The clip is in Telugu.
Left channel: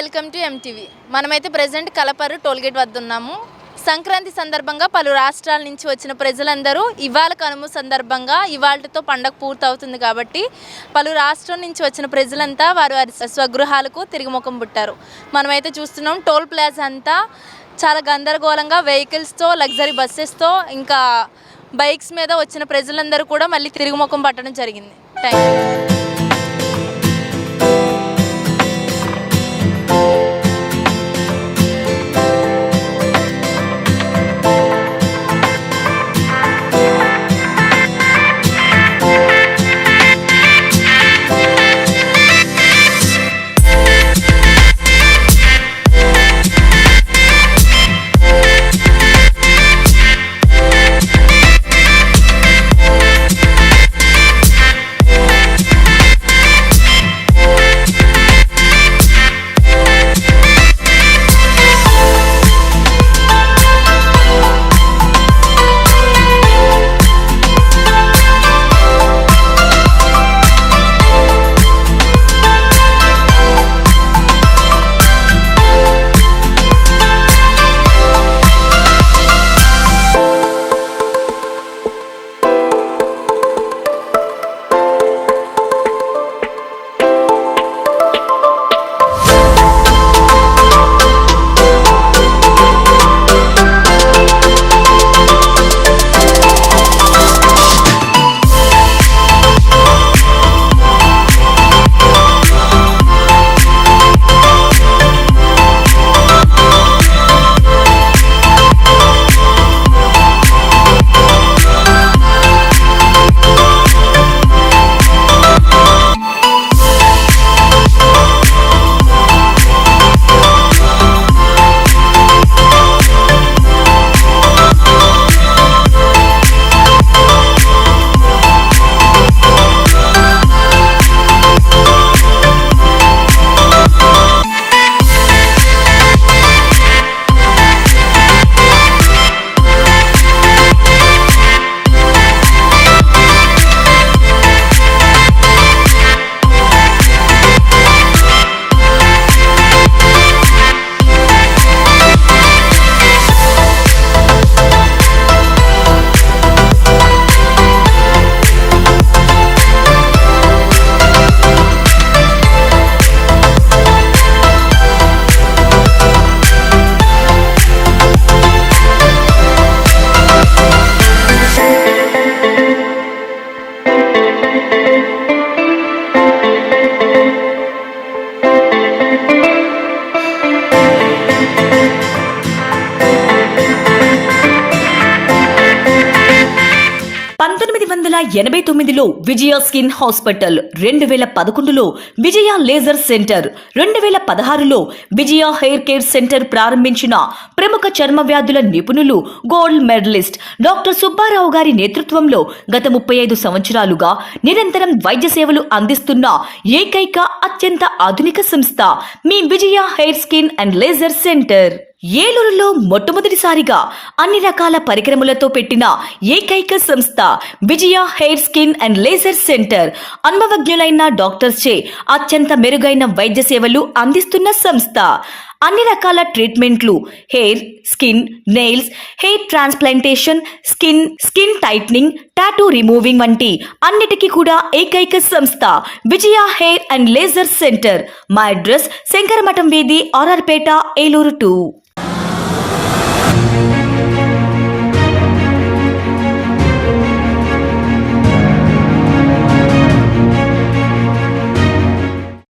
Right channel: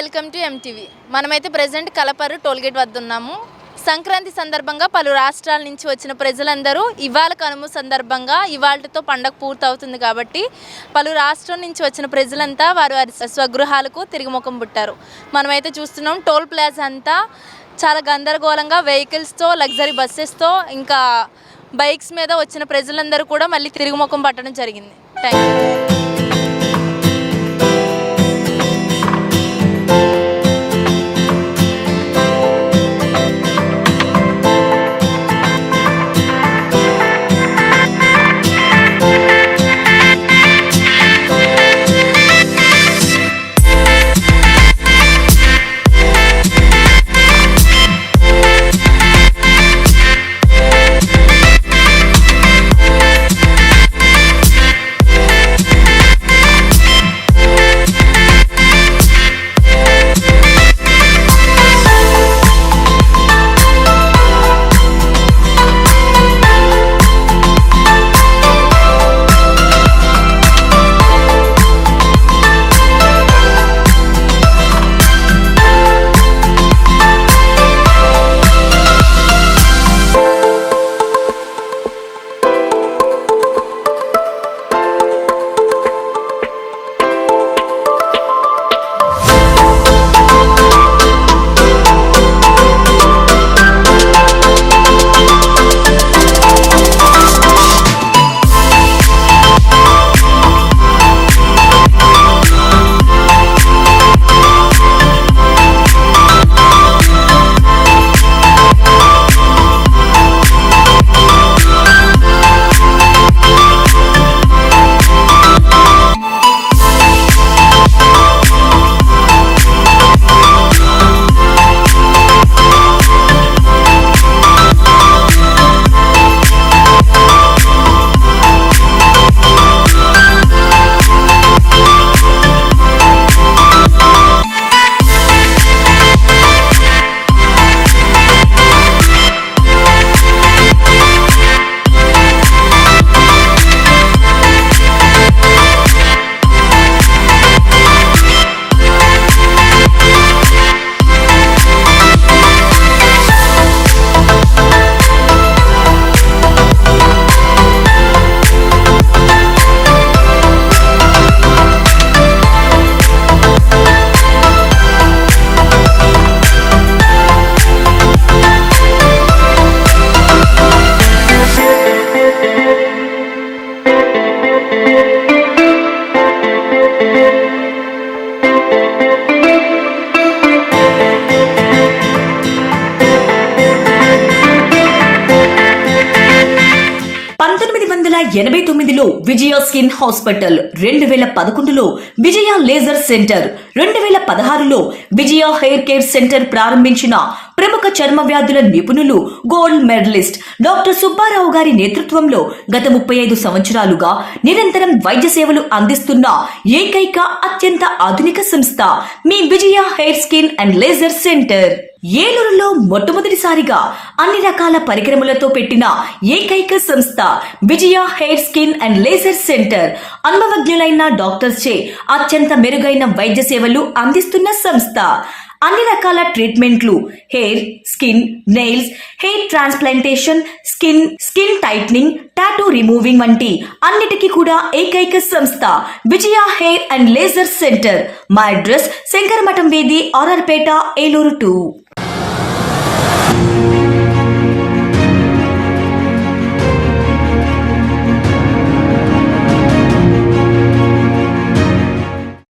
Welcome to MTV. మనమైతే ప్రెజెంట్ కలపరు టోల్గేట్ వద్ద ఉన్నాము. సంక్రాంతి సందర్భంగా పలు రాష్ట్రాల నుంచి వచ్చిన ప్రజలందరూ ఇవాళ కనుమ సందర్భంగా ఇవాళతో పండగ పూర్తవుతుంది కాబట్టి పలు రాష్ట్రాల నుంచి వచ్చిన ప్రజలంతా వారి స్వగృహాలకు తిరిగి ముఖం పుట్టారు. మనమైతే చూస్తున్నాం టోల్ ప్లాజా అంతా చాలా గందరగోళంగా వెహికల్స్తో, లగ్జరీ బస్సెస్తో, ఇంకా బైక్స్ మీద వచ్చిన ప్రజలందరూ కూడా మళ్ళీ తిరిగి ముఖం పట్టడం జరిగింది. Thank you. Vijaya skin hospital, 2011లో విజయ లేజర్ సెంటర్, 2016లో విజయ హెయిర్ కేర్ సెంటర్ ప్రారంభించిన ప్రముఖ చర్మ వ్యాధుల నిపుణులు, గోల్డ్ మెడలిస్ట్ డాక్టర్ సుబ్బారావు గారి నేతృత్వంలో గత 35 సంవత్సరాలుగా నిరంతరం వైద్య సేవలు అందిస్తున్న ఏకైక అత్యంత ఆధునిక సంస్థ మీ Vijaya hair skin and laser centre. ఏలూరులో మొట్టమొదటిసారిగా అన్ని రకాల పరికరములతో పెట్టిన ఏకైక సంస్థ Vijaya hair skin and laser centre. అనుభవజ్ఞులైన డాక్టర్స్ చే అత్యంత మెరుగైన వైద్య సేవలు అందిస్తున్న సంస్థ. అన్ని రకాల ట్రీట్మెంట్లు, hair, skin, nails, hair transplantation, skin tightening, tattoo removing వంటి అన్నిటికీ కూడా ఏకైక సంస్థ Vijaya hair and laser centre. మా అడ్రస్ శంకరమఠం వీధి, ఆర్ఆర్పేట, ఏలూరు 2.